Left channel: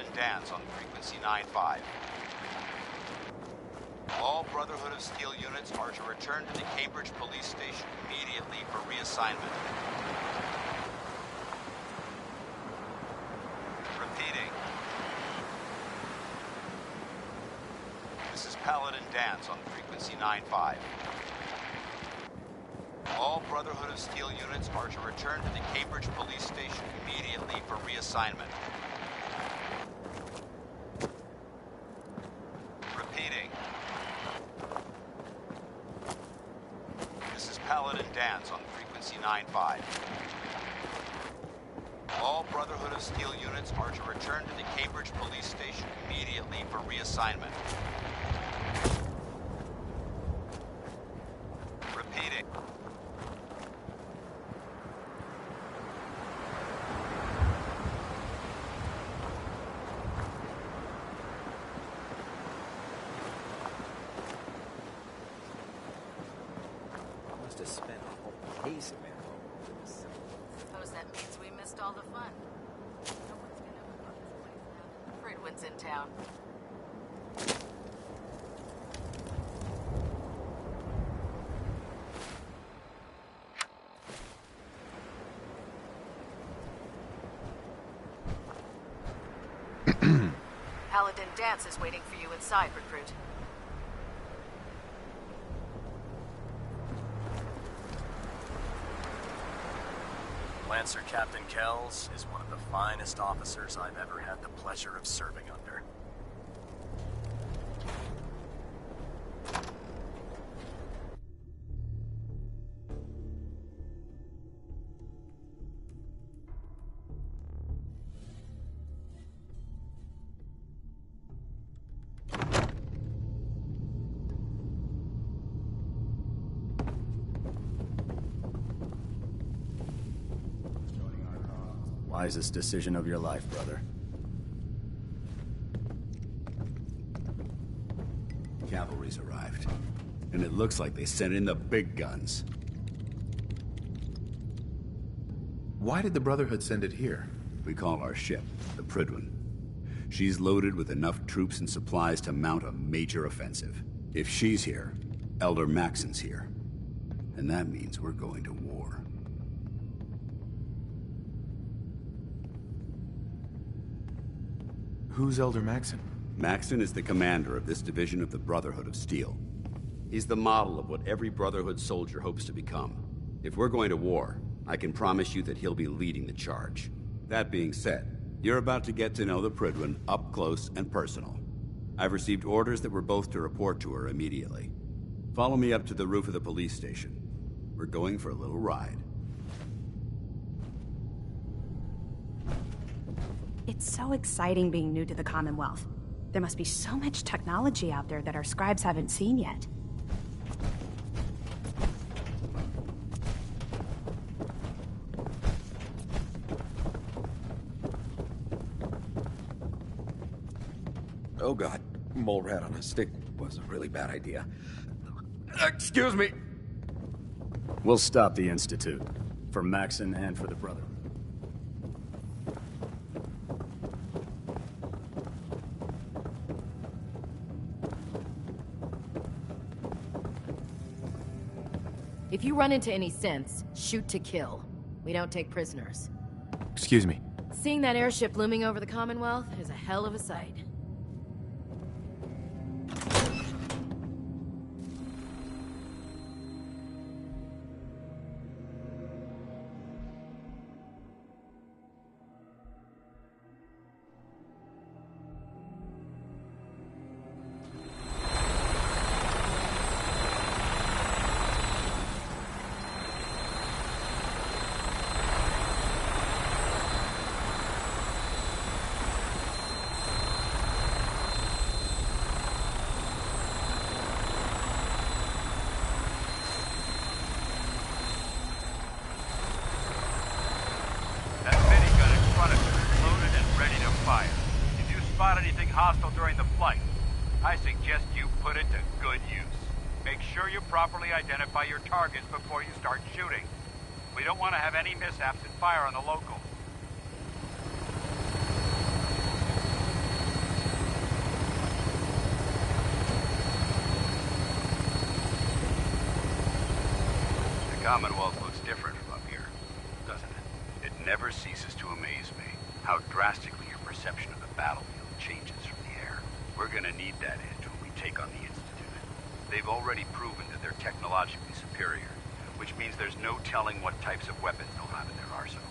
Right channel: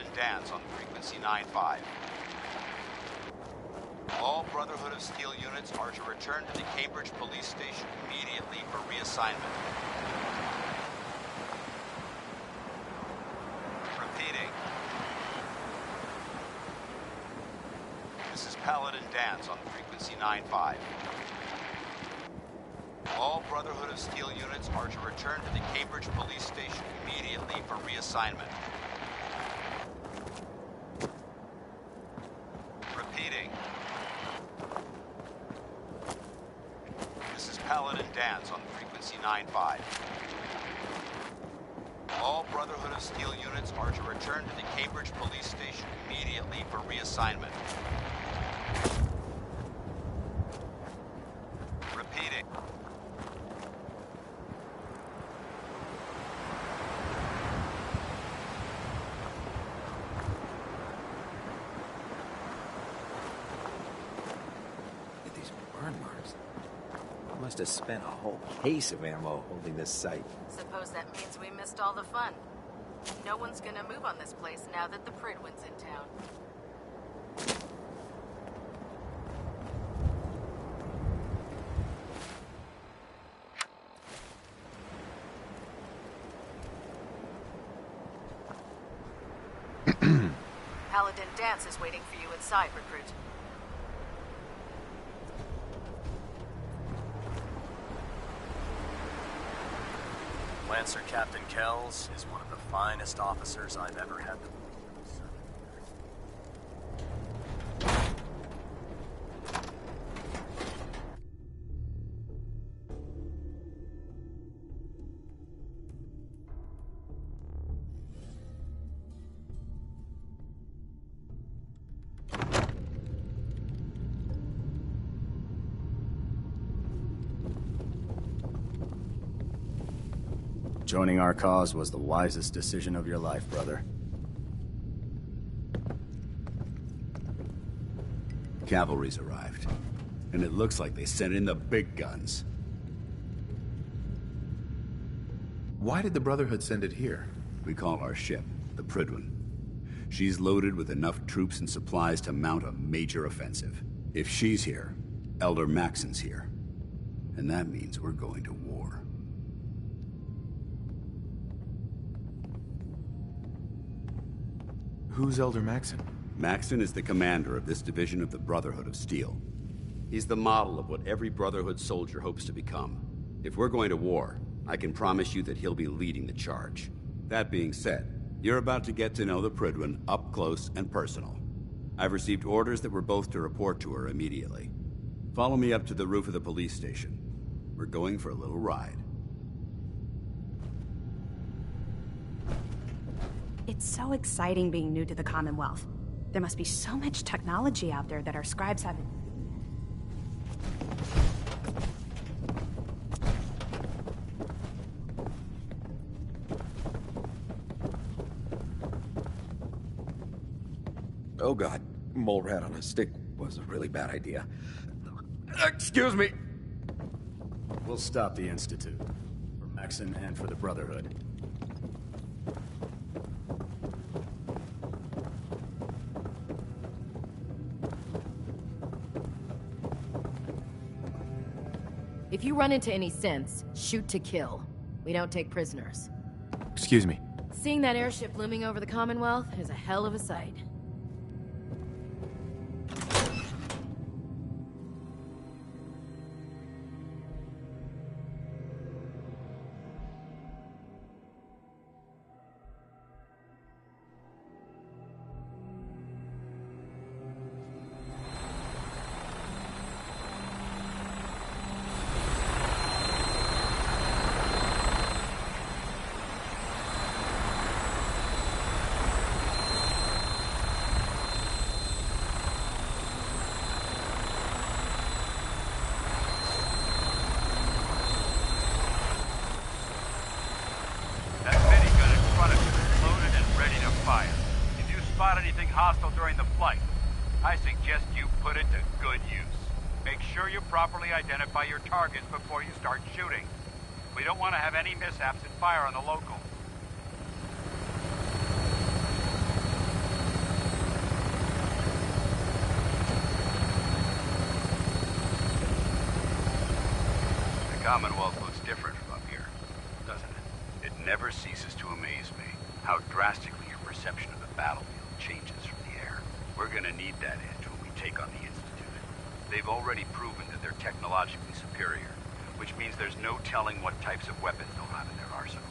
Paladin Dance on frequency 95. All Brotherhood of Steel units are to return to the Cambridge Police Station immediately for reassignment. Repeating. This is Paladin Dance on frequency 95. All Brotherhood of Steel units are to return to the Cambridge Police Station immediately for reassignment. Repeating. This is Paladin Dance on frequency 95. All Brotherhood of Steel units are to return to the Cambridge Police Station immediately for reassignment. Repeating. Must have spent a whole case of ammo holding this site. Suppose that means we missed all the fun. No one's gonna move on this place now that the Pridwin's in town. Paladin Dance is waiting for you inside, recruit. Lancer Captain Kells is one of the finest officers I've ever had the pleasure of serving under. Joining our cause was the wisest decision of your life, brother. Cavalry's arrived, and it looks like they sent in the big guns. Why did the Brotherhood send it here? We call our ship the Pridwin. She's loaded with enough troops and supplies to mount a major offensive. If she's here, Elder Maxon's here. And that means we're going to war. Who's Elder Maxon? Maxon is the commander of this division of the Brotherhood of Steel. He's the model of what every Brotherhood soldier hopes to become. If we're going to war, I can promise you that he'll be leading the charge. That being said, you're about to get to know the Pridwin up close and personal. I've received orders that we're both to report to her immediately. Follow me up to the roof of the police station. We're going for a little ride. It's so exciting being new to the Commonwealth. There must be so much technology out there that our scribes haven't seen yet. Oh god, mole rat on a stick was a really bad idea. Excuse me! We'll stop the Institute. For Maxon and for the Brotherhood. If you run into any synths, shoot to kill. We don't take prisoners. Excuse me. Seeing that airship looming over the Commonwealth is a hell of a sight. Hostile during the flight. I suggest you put it to good use. Make sure you properly identify your targets before you start shooting. We don't want to have any mishaps and fire on the locals. Commonwealth looks different from up here, doesn't it? It never ceases to amaze me how drastically your perception of the battlefield changes from the air. We're gonna need that edge when we take on the Institute. They've already proven that they're technologically superior, which means there's no telling what types of weapons they'll have in their arsenal.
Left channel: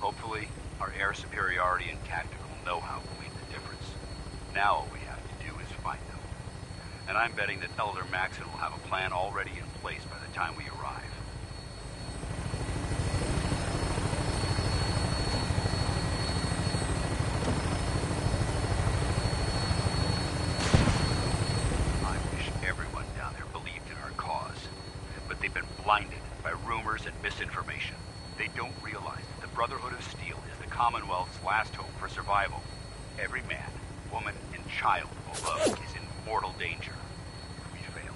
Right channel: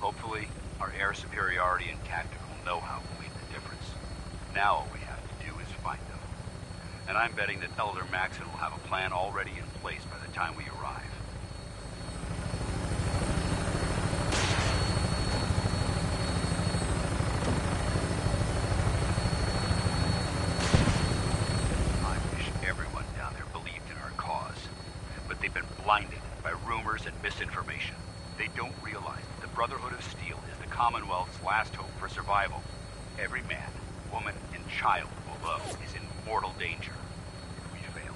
Hopefully, our air superiority and tactical know-how will make the difference. Now all we have to do is find them. And I'm betting that Elder Maxon will have a plan already in place by the time we arrive. I wish everyone down there believed in our cause, but they've been blinded by rumors and misinformation. They don't realize that the Brotherhood of Steel is the Commonwealth's last hope for survival. Every man, woman, and child below is in mortal danger. If we fail,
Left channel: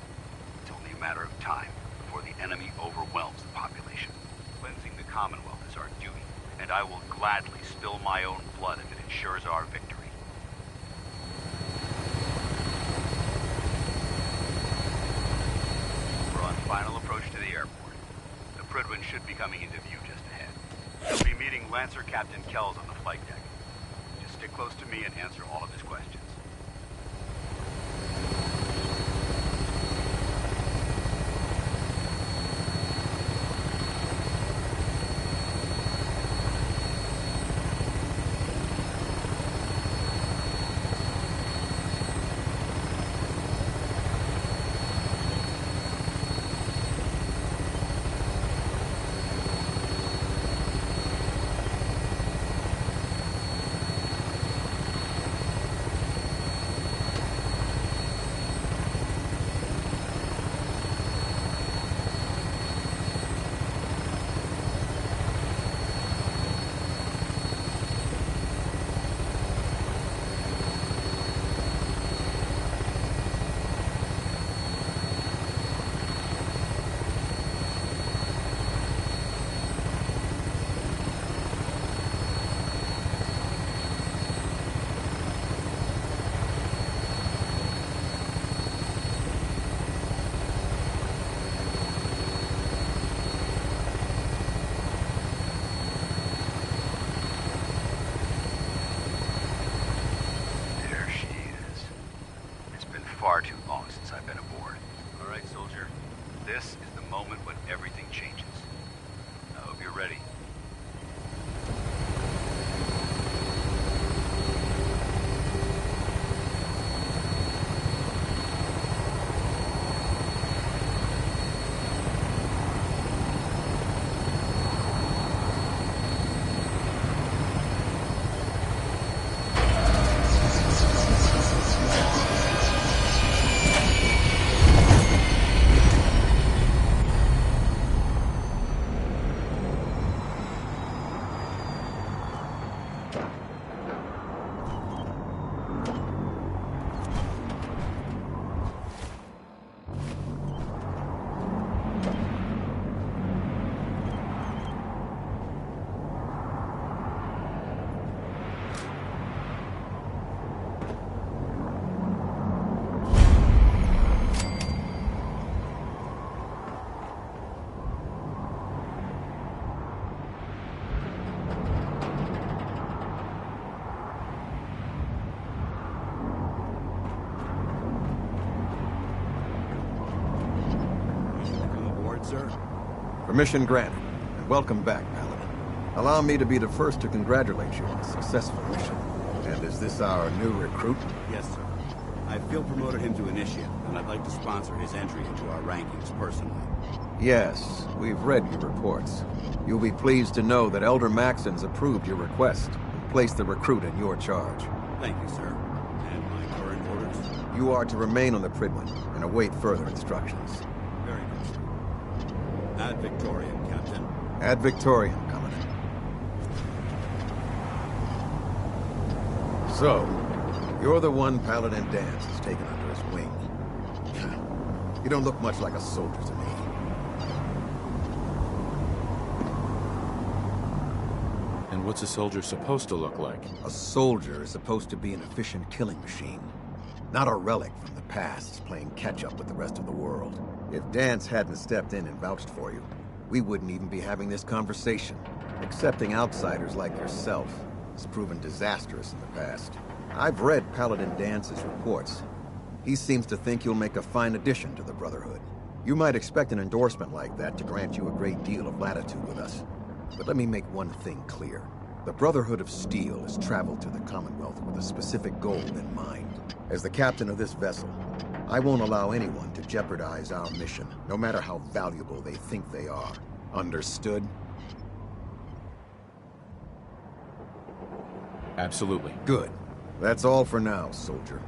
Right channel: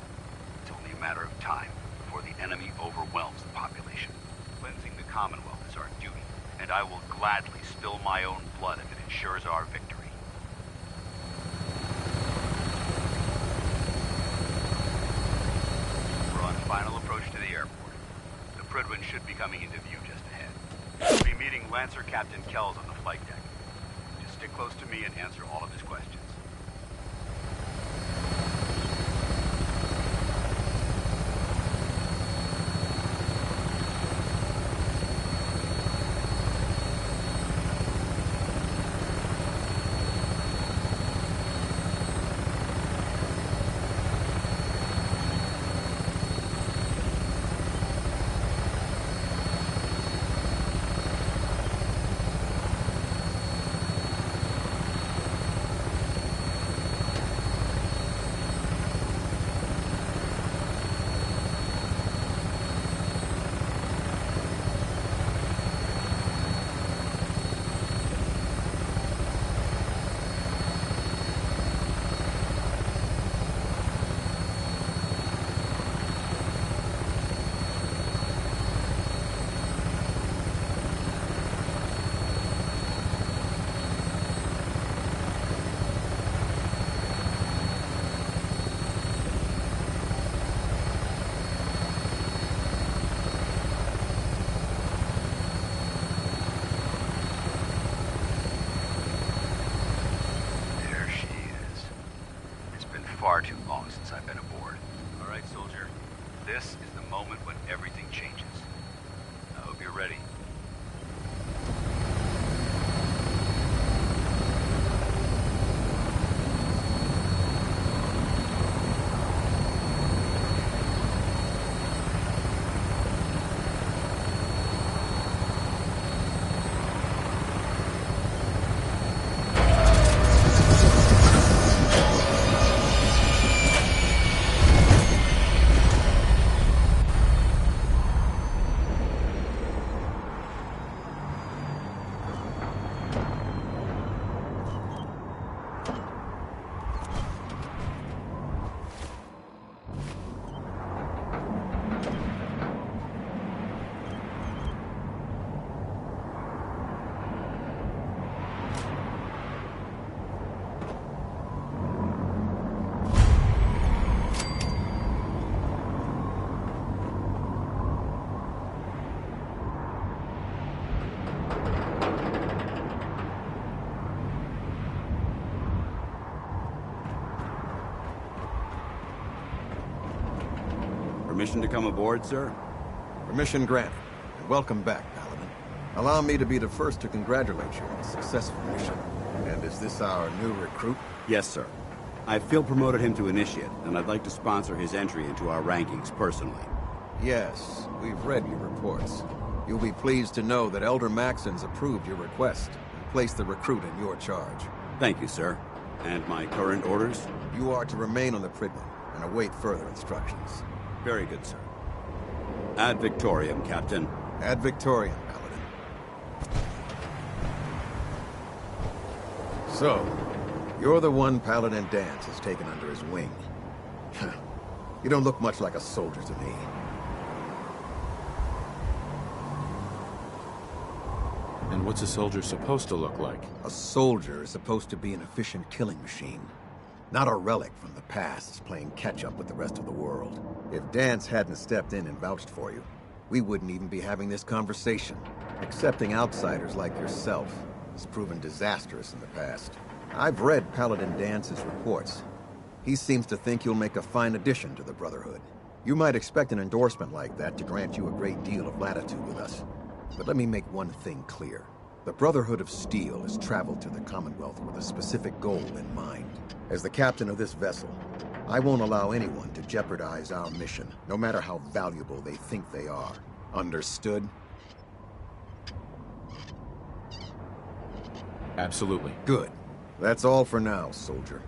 it's only a matter of time before the enemy overwhelms the population. Cleansing the Commonwealth is our duty, and I will gladly spill my own blood if it ensures our victory. We're on final approach to the airport. The Prydwen should be coming into view just ahead. We'll be meeting Lancer Captain Kells on the flight deck. Just stick close to me and answer all of his questions. Far too long since I've been aboard. All right, soldier. This is the moment when everything changes. I hope you're ready. Permission to come aboard, sir? Permission granted, and welcome back, Paladin. Allow me to be the first to congratulate you on a successful mission. And is this our new recruit? Yes, sir. I feel promoted him to initiate, and I'd like to sponsor his entry into our rankings personally. Yes, we've read your reports. You'll be pleased to know that Elder Maxon's approved your request and placed the recruit in your charge. Thank you, sir. And my current orders? You are to remain on the Prydwen and await further instructions. Very good, sir. Ad Victoriam, Captain. Ad Victoriam, Paladin. So, you're the one Paladin Danse has taken under his wing. You don't look much like a soldier to me. And what's a soldier supposed to look like? A soldier is supposed to be an efficient killing machine. Not a relic from the past playing catch-up with the rest of the world. If Danse hadn't stepped in and vouched for you, we wouldn't even be having this conversation. Accepting outsiders like yourself has proven disastrous in the past. I've read Paladin Dance's reports. He seems to think you'll make a fine addition to the Brotherhood. You might expect an endorsement like that to grant you a great deal of latitude with us. But let me make one thing clear. The Brotherhood of Steel has traveled to the Commonwealth with a specific goal in mind. As the captain of this vessel, I won't allow anyone to jeopardize our mission, no matter how valuable they think they are. Understood? Absolutely. Good. That's all for now, soldier.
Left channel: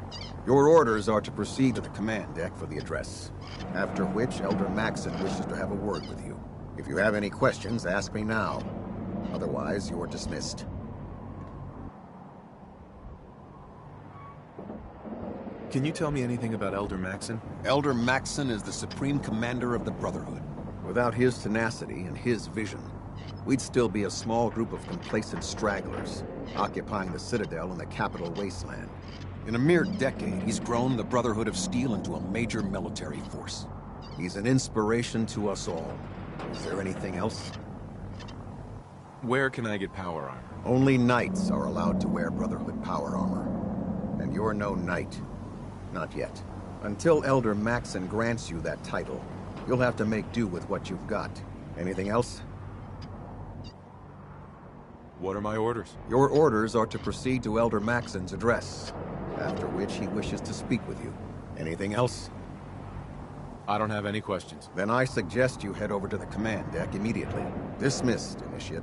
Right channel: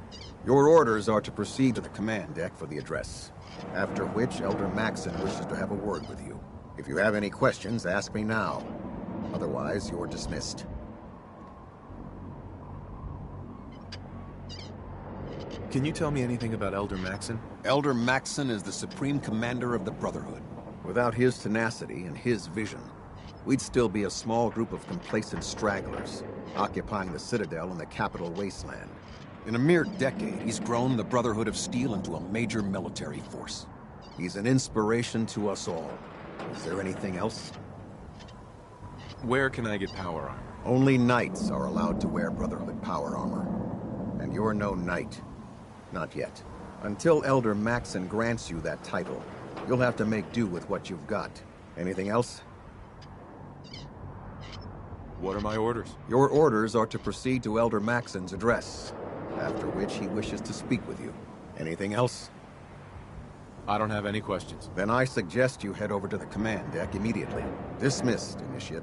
Your orders are to proceed to the command deck for the address. After which, Elder Maxon wishes to have a word with you. If you have any questions, ask me now. Otherwise, you're dismissed. Can you tell me anything about Elder Maxon? Elder Maxon is the Supreme Commander of the Brotherhood. Without his tenacity and his vision, we'd still be a small group of complacent stragglers, occupying the Citadel in the capital wasteland. In a mere decade, he's grown the Brotherhood of Steel into a major military force. He's an inspiration to us all. Is there anything else? Where can I get power armor? Only knights are allowed to wear Brotherhood power armor. And you're no knight. Not yet. Until Elder Maxon grants you that title, you'll have to make do with what you've got. Anything else? What are my orders? Your orders are to proceed to Elder Maxon's address, after which he wishes to speak with you. Anything else? I don't have any questions. Then I suggest you head over to the command deck immediately. Dismissed, Initiate.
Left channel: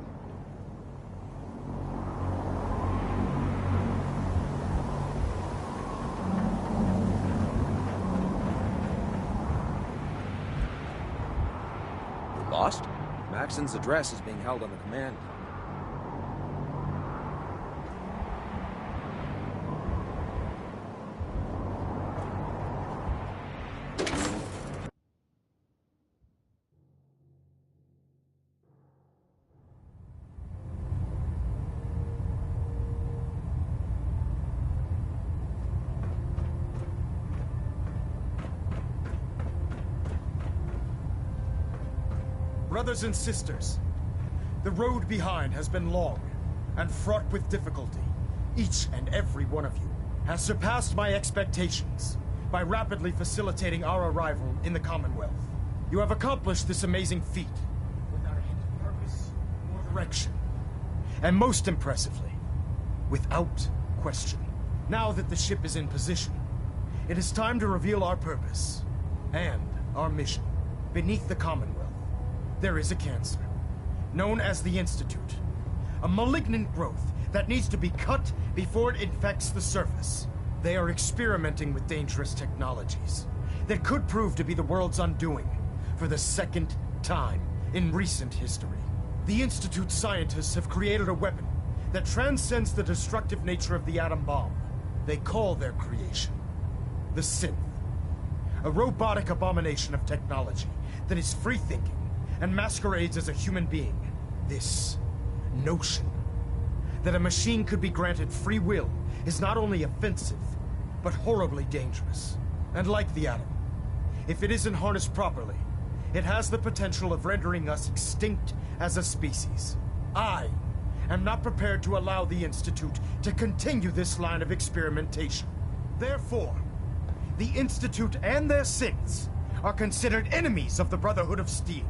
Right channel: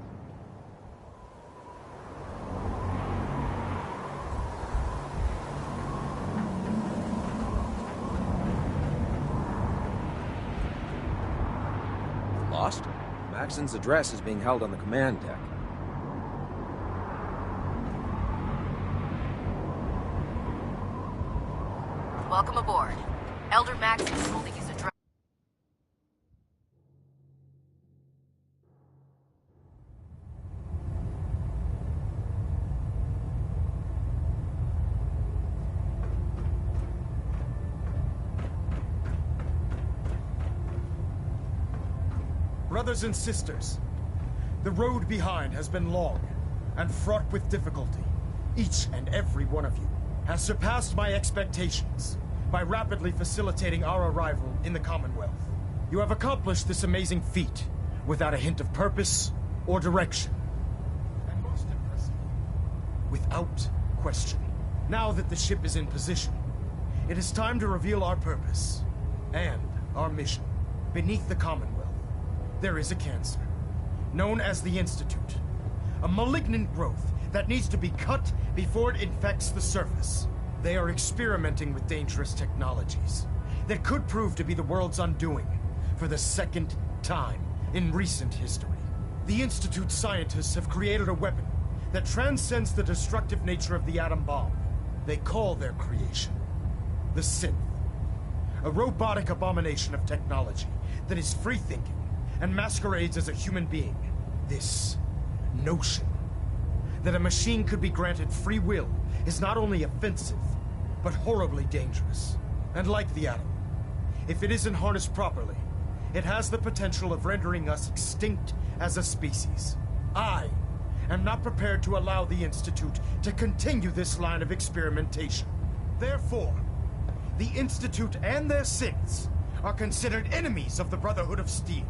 You're lost? Maxon's address is being held on the command deck. Welcome aboard. Elder Maxon is holding his address. Brothers and sisters, the road behind has been long and fraught with difficulty. Each and every one of you has surpassed my expectations by rapidly facilitating our arrival in the Commonwealth. You have accomplished this amazing feat without a hint of purpose or direction. And most impressively, without question. Now that the ship is in position, it is time to reveal our purpose and our mission. Beneath the Commonwealth, there is a cancer, known as the Institute. A malignant growth that needs to be cut before it infects the surface. They are experimenting with dangerous technologies that could prove to be the world's undoing for the second time in recent history. The Institute's scientists have created a weapon that transcends the destructive nature of the atom bomb. They call their creation the Synth, a robotic abomination of technology that is free-thinking and masquerades as a human being. This notion that a machine could be granted free will is not only offensive, but horribly dangerous. And like the atom, if it isn't harnessed properly, it has the potential of rendering us extinct as a species. I am not prepared to allow the Institute to continue this line of experimentation. Therefore, the Institute and their synths are considered enemies of the Brotherhood of Steel,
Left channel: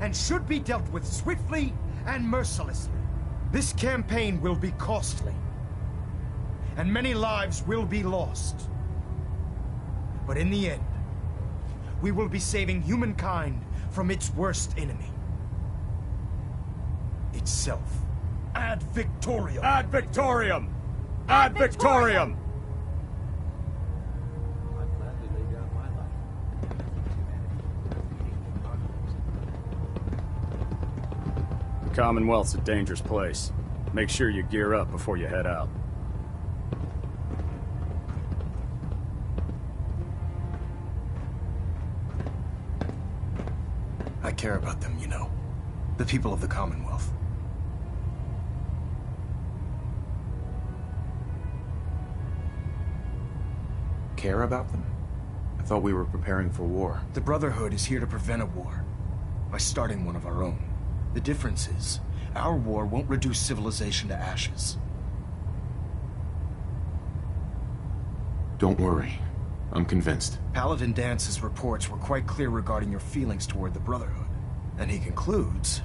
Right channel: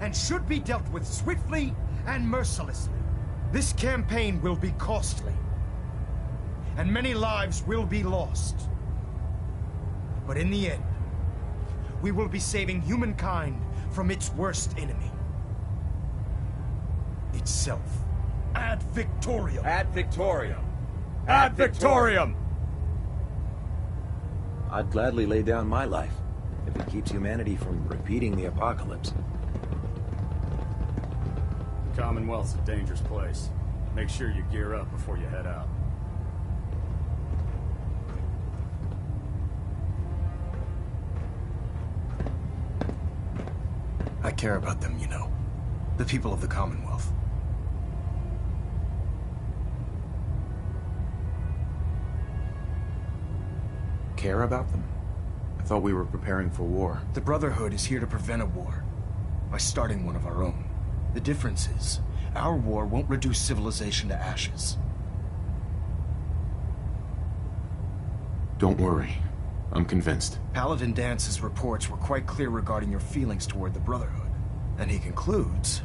and should be dealt with swiftly and mercilessly. This campaign will be costly, and many lives will be lost. But in the end, we will be saving humankind from its worst enemy. Itself. Ad Victoriam! Ad Victoriam! Ad Victoriam! I'd gladly lay down my life if it keeps humanity from repeating the apocalypse. The Commonwealth's a dangerous place. Make sure you gear up before you head out. I care about them, you know. The people of the Commonwealth. Care about them? I thought we were preparing for war. The Brotherhood is here to prevent a war. by starting one of our own. The difference is, our war won't reduce civilization to ashes. Don't worry. I'm convinced. Paladin Dance's reports were quite clear regarding your feelings toward the Brotherhood, and he concludes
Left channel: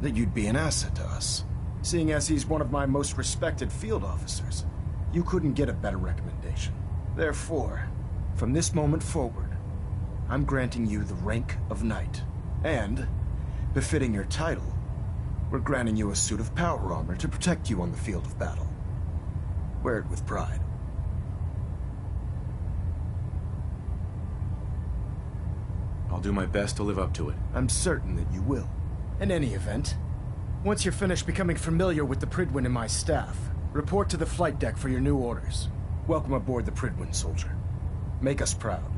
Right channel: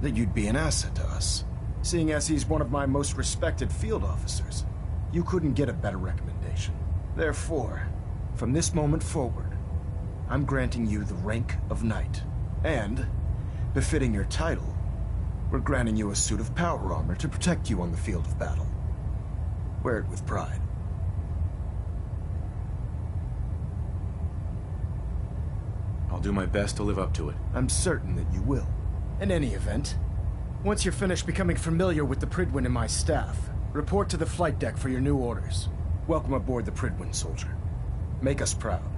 that you'd be an asset to us. Seeing as he's one of my most respected field officers, you couldn't get a better recommendation. Therefore, from this moment forward, I'm granting you the rank of Knight. And, befitting your title, we're granting you a suit of power armor to protect you on the field of battle. Wear it with pride. I'll do my best to live up to it. I'm certain that you will. In any event, once you're finished becoming familiar with the Pridwin and my staff, report to the flight deck for your new orders. Welcome aboard the Pridwin, soldier. Make us proud.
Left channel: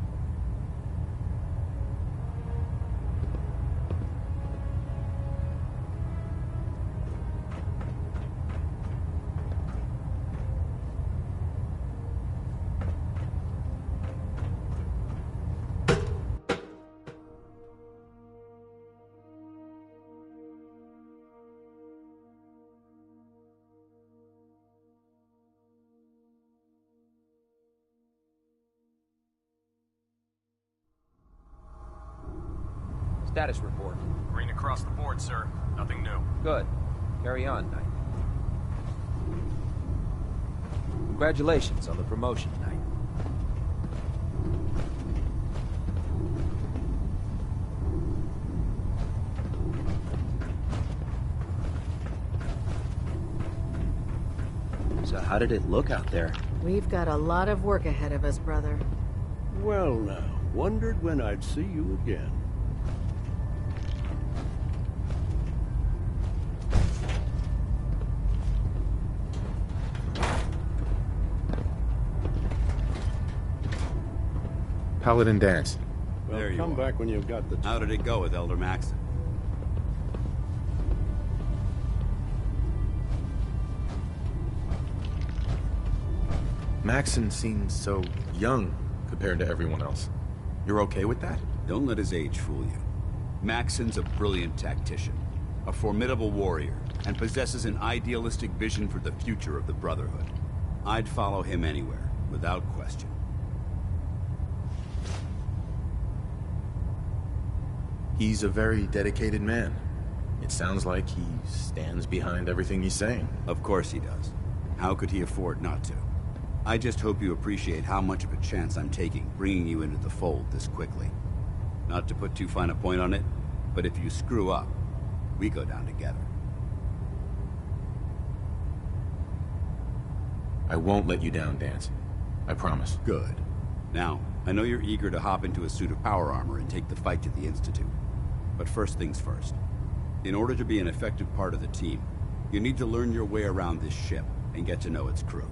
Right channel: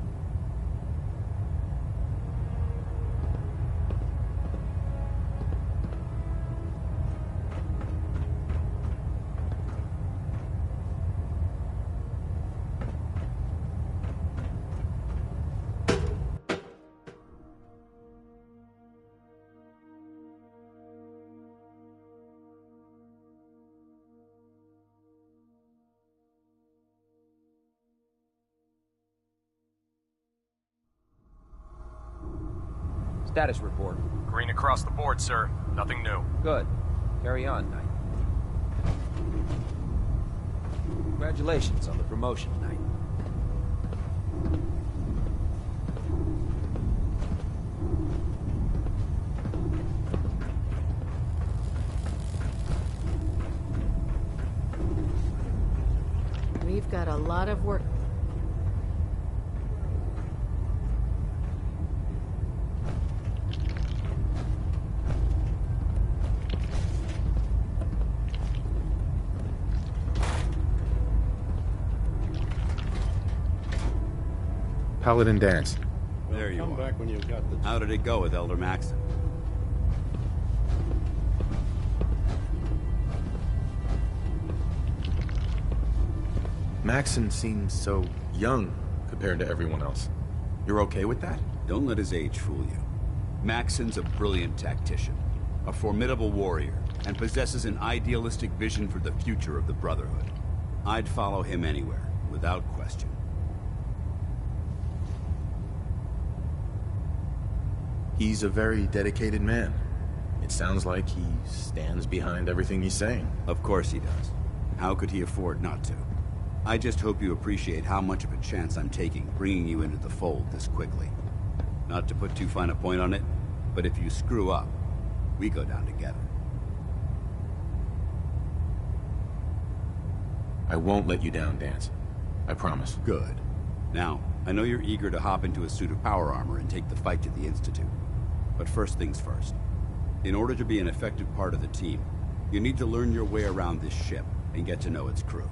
Status report. Green across the board, sir. Nothing new. Good. Carry on, Knight. Congratulations on the promotion, Knight. So how did it look out there? We've got a lot of work ahead of us, brother. Well now, wondered when I'd see you again. Paladin Dance. Well, there you come are. back when you've got the... How did it go with Elder Maxon? Maxon seems so young compared to everyone else. You're okay with that? Don't let his age fool you. Maxon's a brilliant tactician, a formidable warrior, and possesses an idealistic vision for the future of the Brotherhood. I'd follow him anywhere, without question. He's a very dedicated man. It sounds like he stands behind everything he's saying. Of course he does. How could he afford not to? I just hope you appreciate how much of a chance I'm taking bringing you into the fold this quickly. Not to put too fine a point on it, but if you screw up, we go down together. I won't let you down, Dance. I promise. Good. Now, I know you're eager to hop into a suit of power armor and take the fight to the Institute. But first things first. In order to be an effective part of the team, you need to learn your way around this ship and get to know its crew.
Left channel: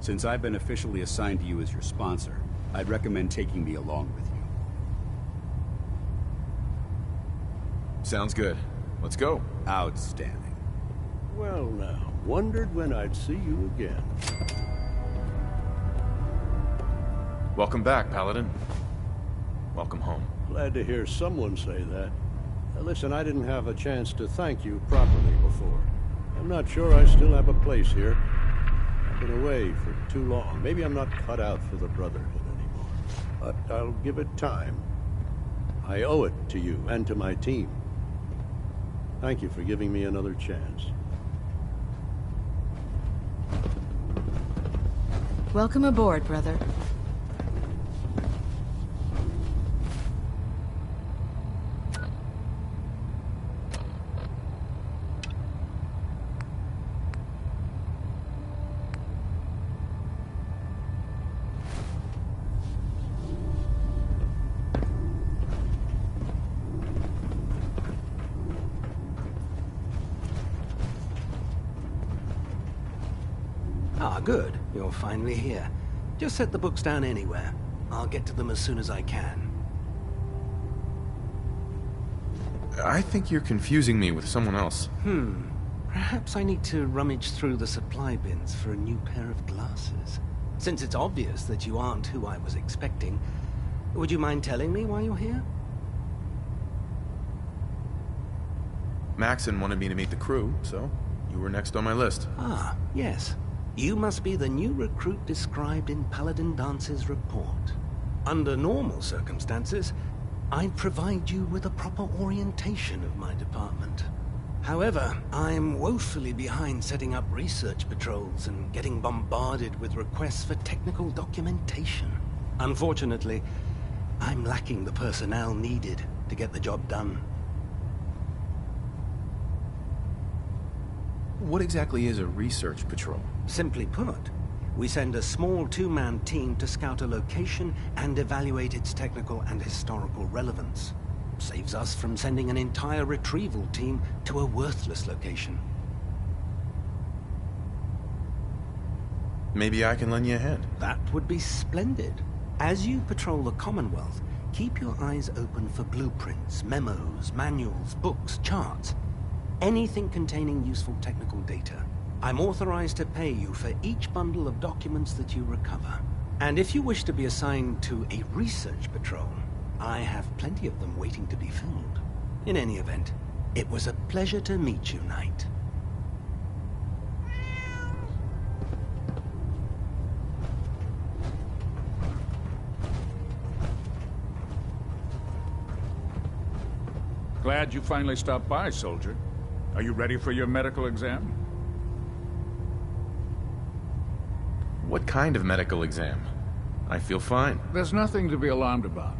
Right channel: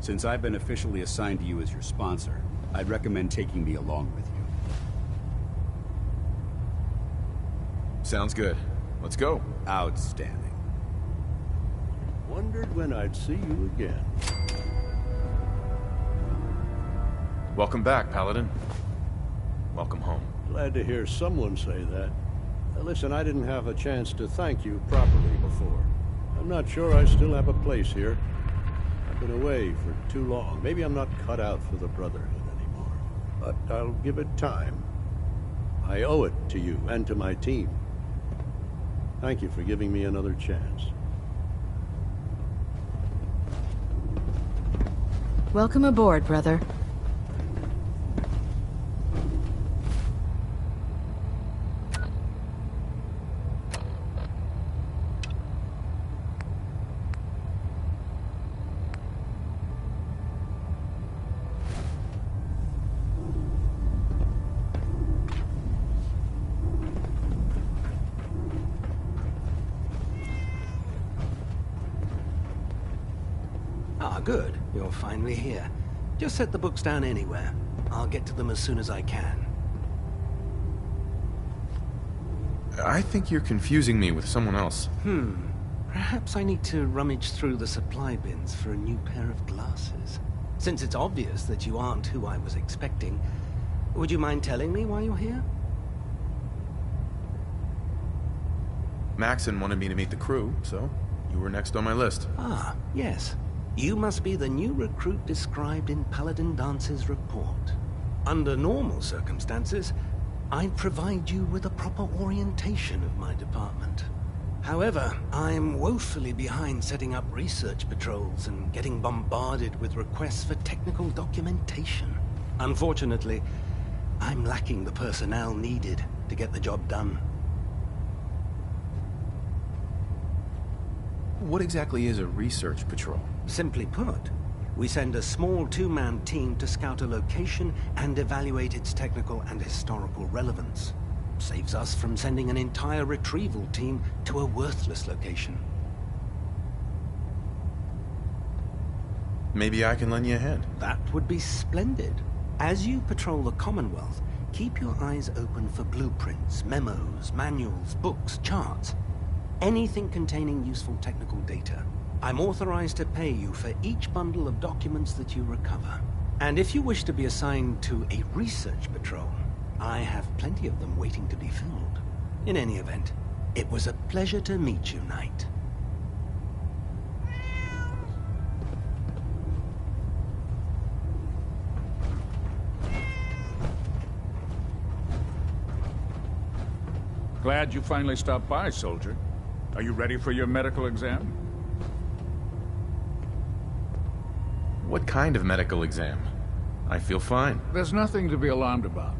Since I've been officially assigned to you as your sponsor, I'd recommend taking me along with you. Sounds good. Let's go. Outstanding. Well now, wondered when I'd see you again. Welcome back, Paladin. Welcome home. Glad to hear someone say that. Listen, I didn't have a chance to thank you properly before. I'm not sure I still have a place here. I've been away for too long. Maybe I'm not cut out for the Brotherhood anymore. But I'll give it time. I owe it to you and to my team. Thank you for giving me another chance. Welcome aboard, brother. Ah, good. You're finally here. Just set the books down anywhere. I'll get to them as soon as I can. I think you're confusing me with someone else. Perhaps I need to rummage through the supply bins for a new pair of glasses. Since it's obvious that you aren't who I was expecting, would you mind telling me why you're here? Maxon wanted me to meet the crew, so you were next on my list. Ah, yes. You must be the new recruit described in Paladin Dance's report. Under normal circumstances, I'd provide you with a proper orientation of my department. However, I'm woefully behind setting up research patrols and getting bombarded with requests for technical documentation. Unfortunately, I'm lacking the personnel needed to get the job done. What exactly is a research patrol? Simply put, we send a small two-man team to scout a location and evaluate its technical and historical relevance. Saves us from sending an entire retrieval team to a worthless location. Maybe I can lend you a hand. That would be splendid. As you patrol the Commonwealth, keep your eyes open for blueprints, memos, manuals, books, charts. Anything containing useful technical data. I'm authorized to pay you for each bundle of documents that you recover. And if you wish to be assigned to a research patrol, I have plenty of them waiting to be filled. In any event, it was a pleasure to meet you, Knight. Glad you finally stopped by, soldier. Are you ready for your medical exam? What kind of medical exam? I feel fine. There's nothing to be alarmed about.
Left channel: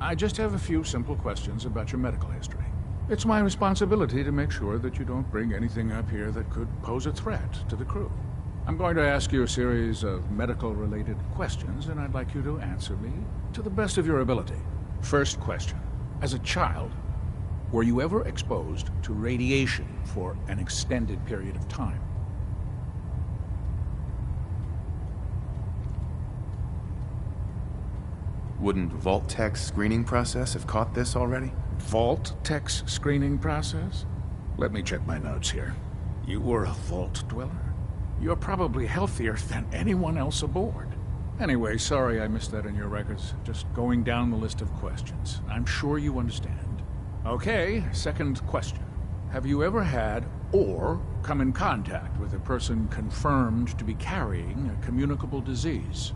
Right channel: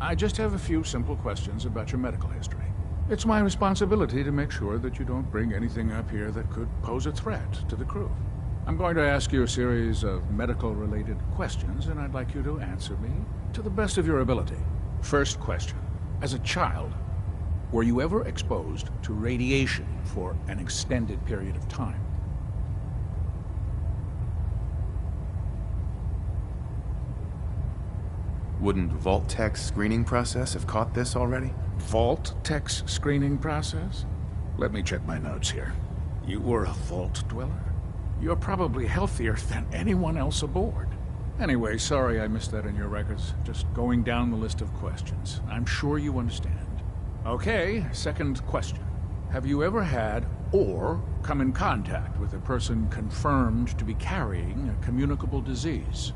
I just have a few simple questions about your medical history. It's my responsibility to make sure that you don't bring anything up here that could pose a threat to the crew. I'm going to ask you a series of medical-related questions, and I'd like you to answer me to the best of your ability. First question. As a child, were you ever exposed to radiation for an extended period of time? Wouldn't Vault-Tech's screening process have caught this already? Vault-Tech's screening process? Let me check my notes here. You were a Vault Dweller? You're probably healthier than anyone else aboard. Anyway, sorry I missed that in your records. Just going down the list of questions. I'm sure you understand. Okay, second question. Have you ever had or come in contact with a person confirmed to be carrying a communicable disease?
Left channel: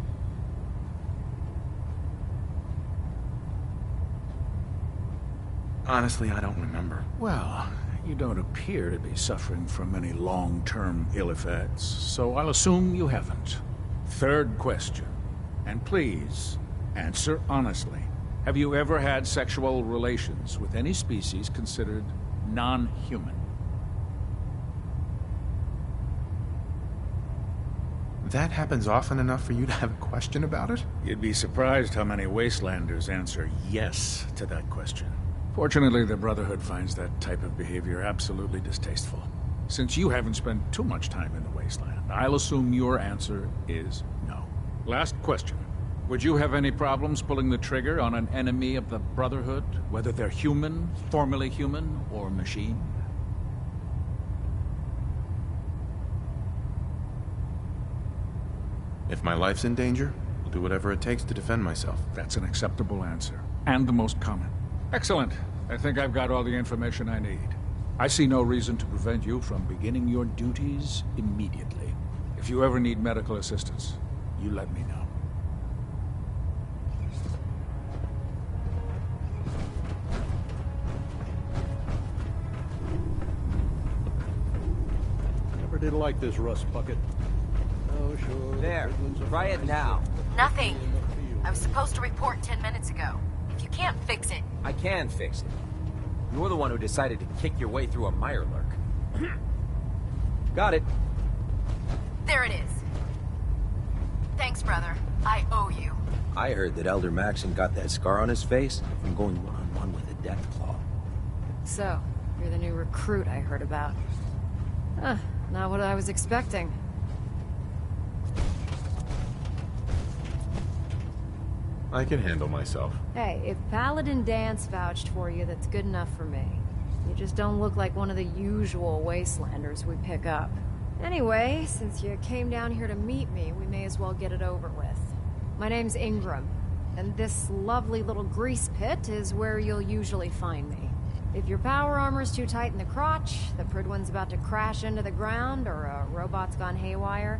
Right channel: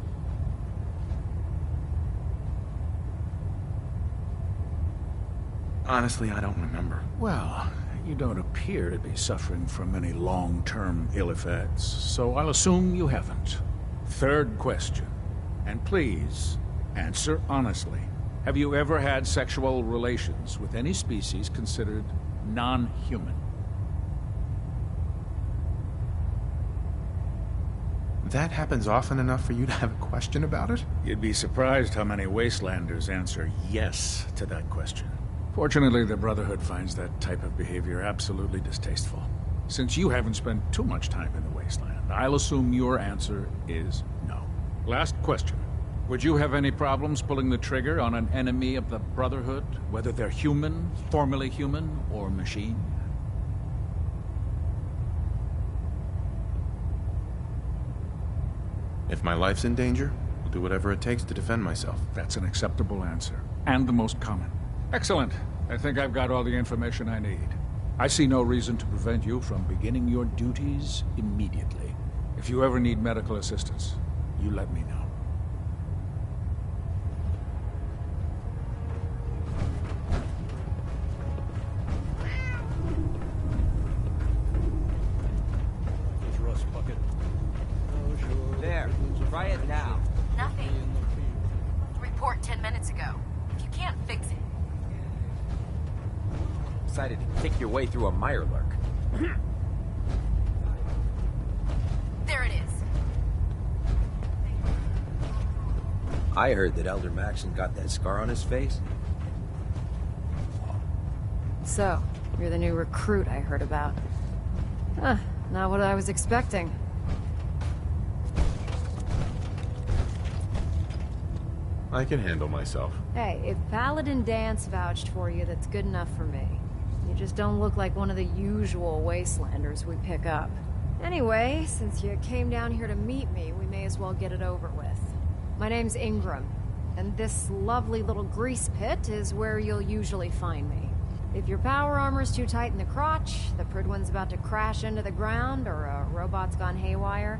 Honestly, I don't remember. Well, you don't appear to be suffering from any long-term ill effects, so I'll assume you haven't. Third question, and please, answer honestly. Have you ever had sexual relations with any species considered non-human? That happens often enough for you to have a question about it? You'd be surprised how many Wastelanders answer yes to that question. Fortunately, the Brotherhood finds that type of behavior absolutely distasteful. Since you haven't spent too much time in the Wasteland, I'll assume your answer is no. Last question. Would you have any problems pulling the trigger on an enemy of the Brotherhood, whether they're human, formerly human, or machine? If my life's in danger, I'll do whatever it takes to defend myself. That's an acceptable answer, and the most common. Excellent. I think I've got all the information I need. I see no reason to prevent you from beginning your duties immediately. If you ever need medical assistance, you let me know. Never did like this rust bucket. Oh, sure. There. Try it now. Nothing. I was supposed to report 10 minutes ago. If you can't fix it... I can fix it. You're the one who decided to kick your way through a Mirelurk. Got it. There it is. Thanks, brother. I owe you. I heard that Elder Maxon got that scar on his face from going one-on-one with the Deathclaw. So, you're the new recruit I heard about. Huh, not what I was expecting. I can handle myself. Hey, if Paladin Dance vouched for you, that's good enough for me. You just don't look like one of the usual Wastelanders we pick up. Anyway, since you came down here to meet me, we may as well get it over with. My name's Ingram, and this lovely little grease pit is where you'll usually find me. If your power armor's too tight in the crotch, the Pridwin's about to crash into the ground, or a robot's gone haywire,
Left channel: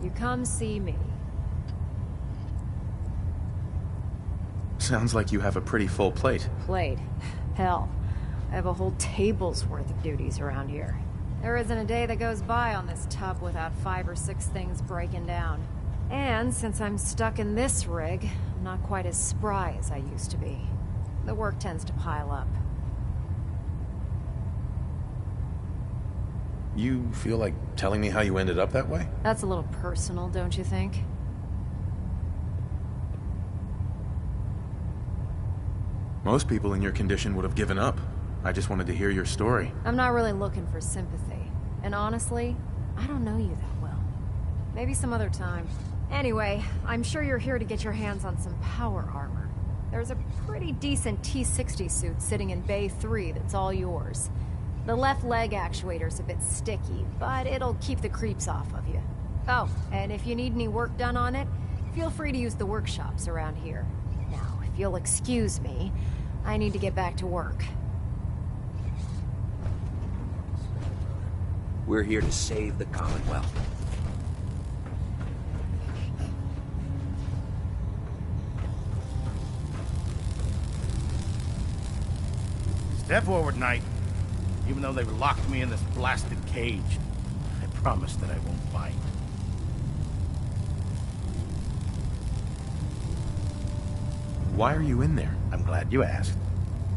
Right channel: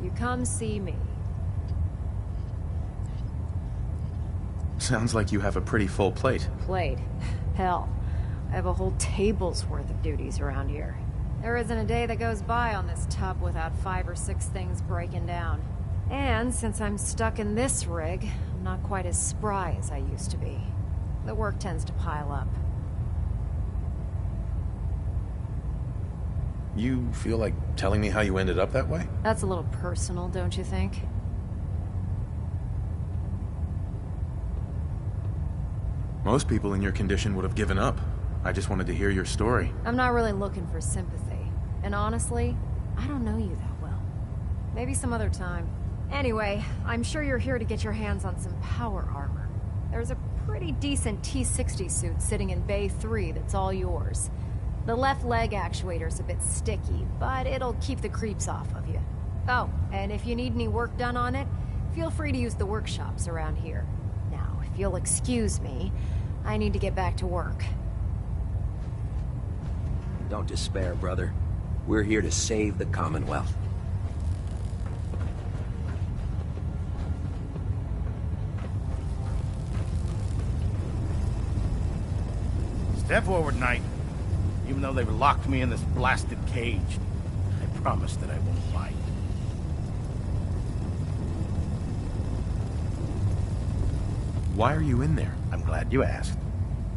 you come see me. Sounds like you have a pretty full plate. Plate? Hell, I have a whole table's worth of duties around here. There isn't a day that goes by on this tub without 5 or 6 things breaking down. And since I'm stuck in this rig, I'm not quite as spry as I used to be. The work tends to pile up. You feel like telling me how you ended up that way? That's a little personal, don't you think? Most people in your condition would have given up. I just wanted to hear your story. I'm not really looking for sympathy. And honestly, I don't know you that well. Maybe some other time. Anyway, I'm sure you're here to get your hands on some power armor. There's a pretty decent T-60 suit sitting in Bay 3 that's all yours. The left leg actuator's a bit sticky, but it'll keep the creeps off of you. Oh, and if you need any work done on it, feel free to use the workshops around here. Now, if you'll excuse me, I need to get back to work. Don't despair, brother. We're here to save the Commonwealth. Step forward, Knight. Even though they've locked me in this blasted cage, I promise that I won't bite. Why are you in there? I'm glad you asked.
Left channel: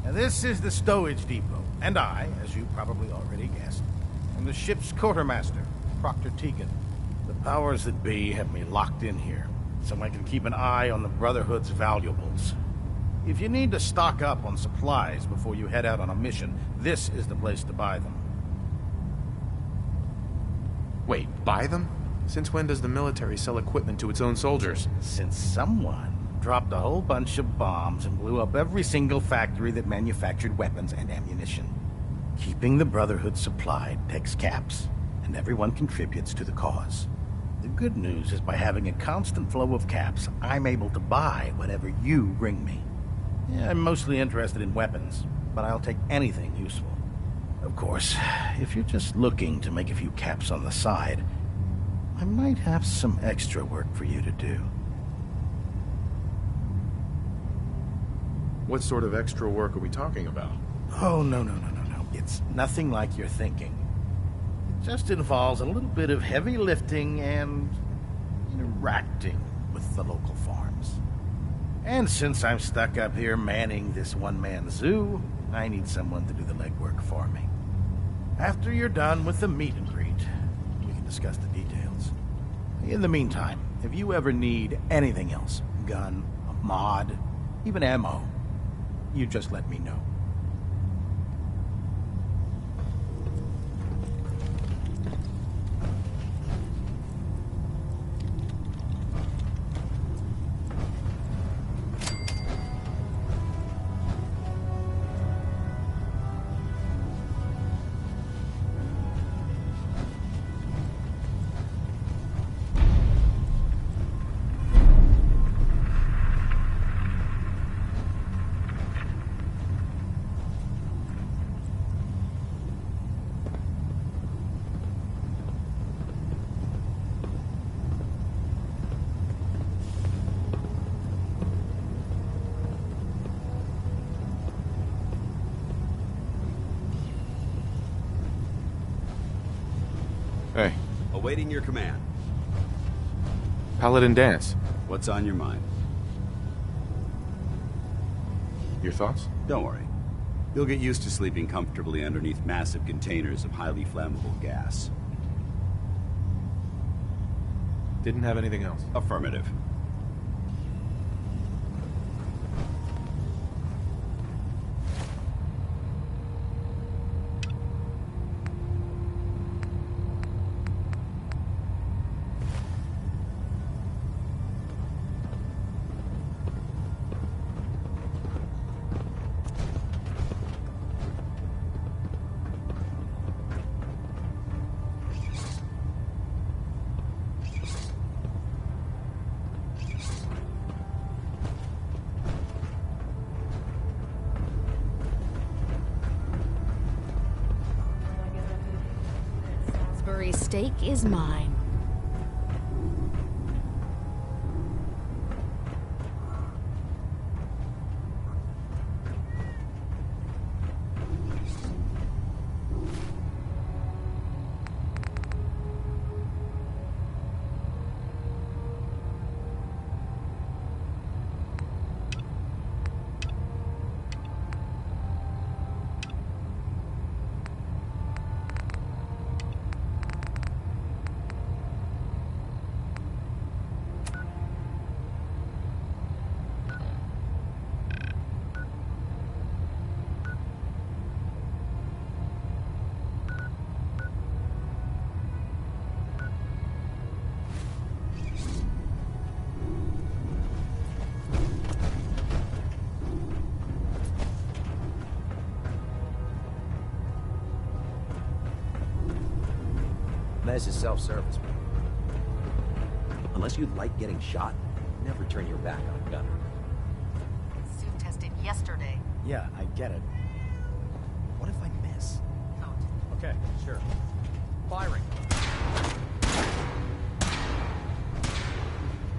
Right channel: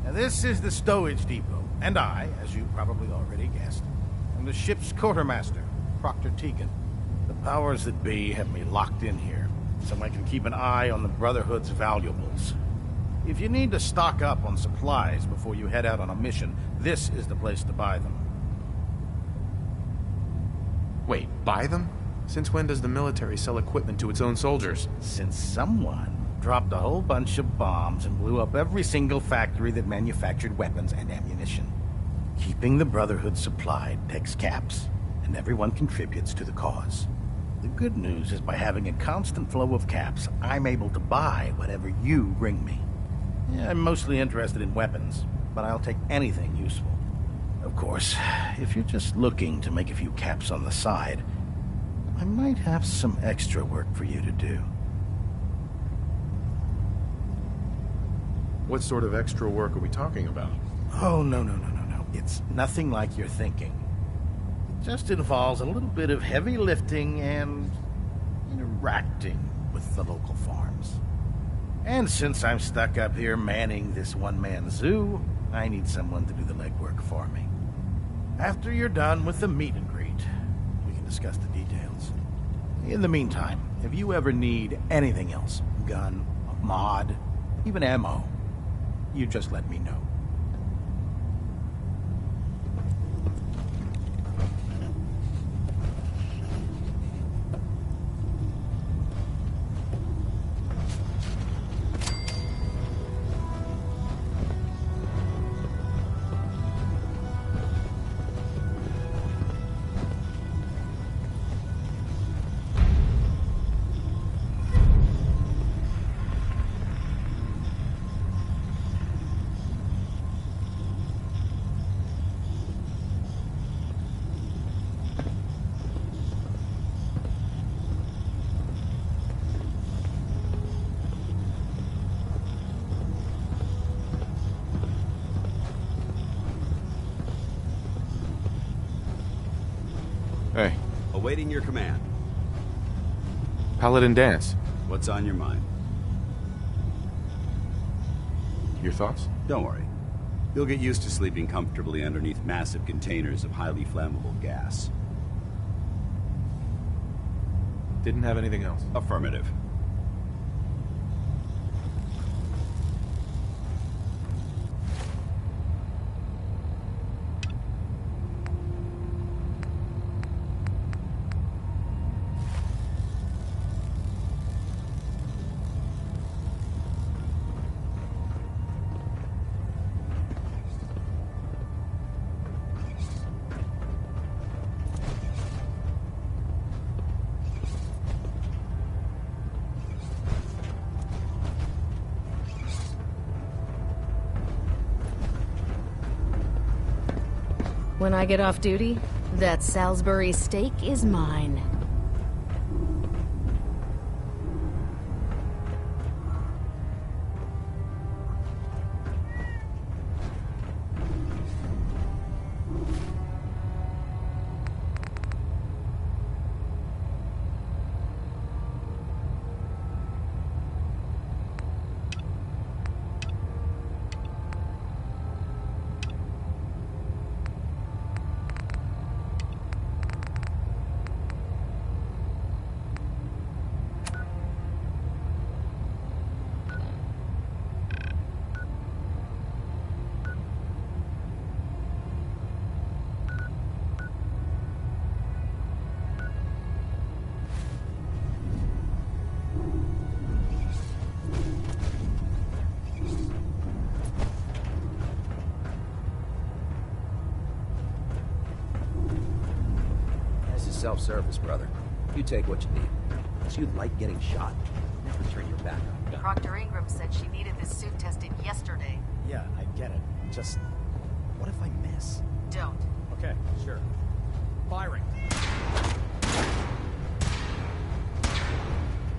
Now, this is the stowage depot, and I, as you probably already guessed, am the ship's quartermaster, Proctor Tegan. The powers that be have me locked in here, so I can keep an eye on the Brotherhood's valuables. If you need to stock up on supplies before you head out on a mission, this is the place to buy them. Wait, buy them? Since when does the military sell equipment to its own soldiers? Since someone dropped a whole bunch of bombs and blew up every single factory that manufactured weapons and ammunition. Keeping the Brotherhood supplied takes caps, and everyone contributes to the cause. The good news is by having a constant flow of caps, I'm able to buy whatever you bring me. Yeah, I'm mostly interested in weapons, but I'll take anything useful. Of course, if you're just looking to make a few caps on the side, I might have some extra work for you to do. What sort of extra work are we talking about? Oh, no. It's nothing like you're thinking. It just involves a little bit of heavy lifting and interacting with the local farms. And since I'm stuck up here manning this one-man zoo, I need someone to do the legwork for me. After you're done with the meet and greet, we can discuss the details. In the meantime, if you ever need anything else, gun, a mod, even ammo, you just let me know. Hey. Awaiting your command. Paladin Dance. What's on your mind? Your thoughts? Don't worry. You'll get used to sleeping comfortably underneath massive containers of highly flammable gas. Didn't have anything else? Affirmative. when I get off duty, that Salisbury steak is mine. This is self-service, brother. You take what you need. Unless you like getting shot, never turn your back on a gun. Dr. Ingram said she needed this suit tested yesterday. Yeah, I get it. Just, what if I miss? Don't. Okay, sure. Firing.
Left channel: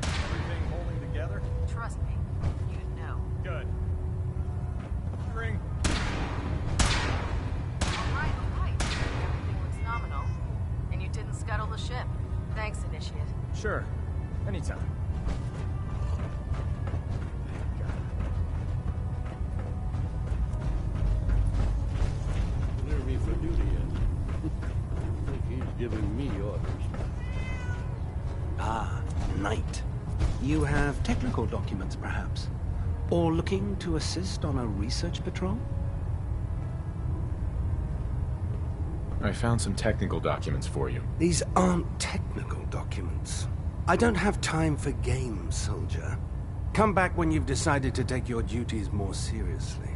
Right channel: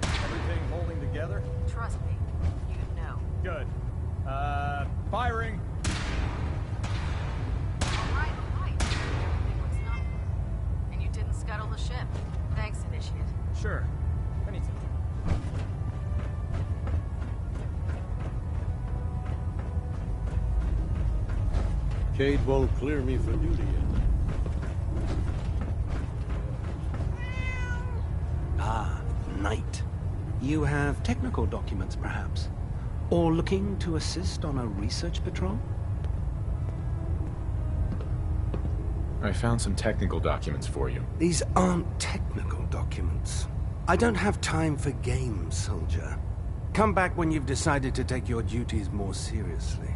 Everything holding together? Trust me, you know. Good. Firing. All right. Everything looks nominal. And you didn't scuttle the ship. Thanks, Initiate. Sure. Anytime. Kate won't clear me for duty yet. He's giving me orders. Ah, Knight. You have technical documents, perhaps? Or looking to assist on a research patrol? I found some technical documents for you. These aren't technical documents. I don't have time for games, soldier. Come back when you've decided to take your duties more seriously.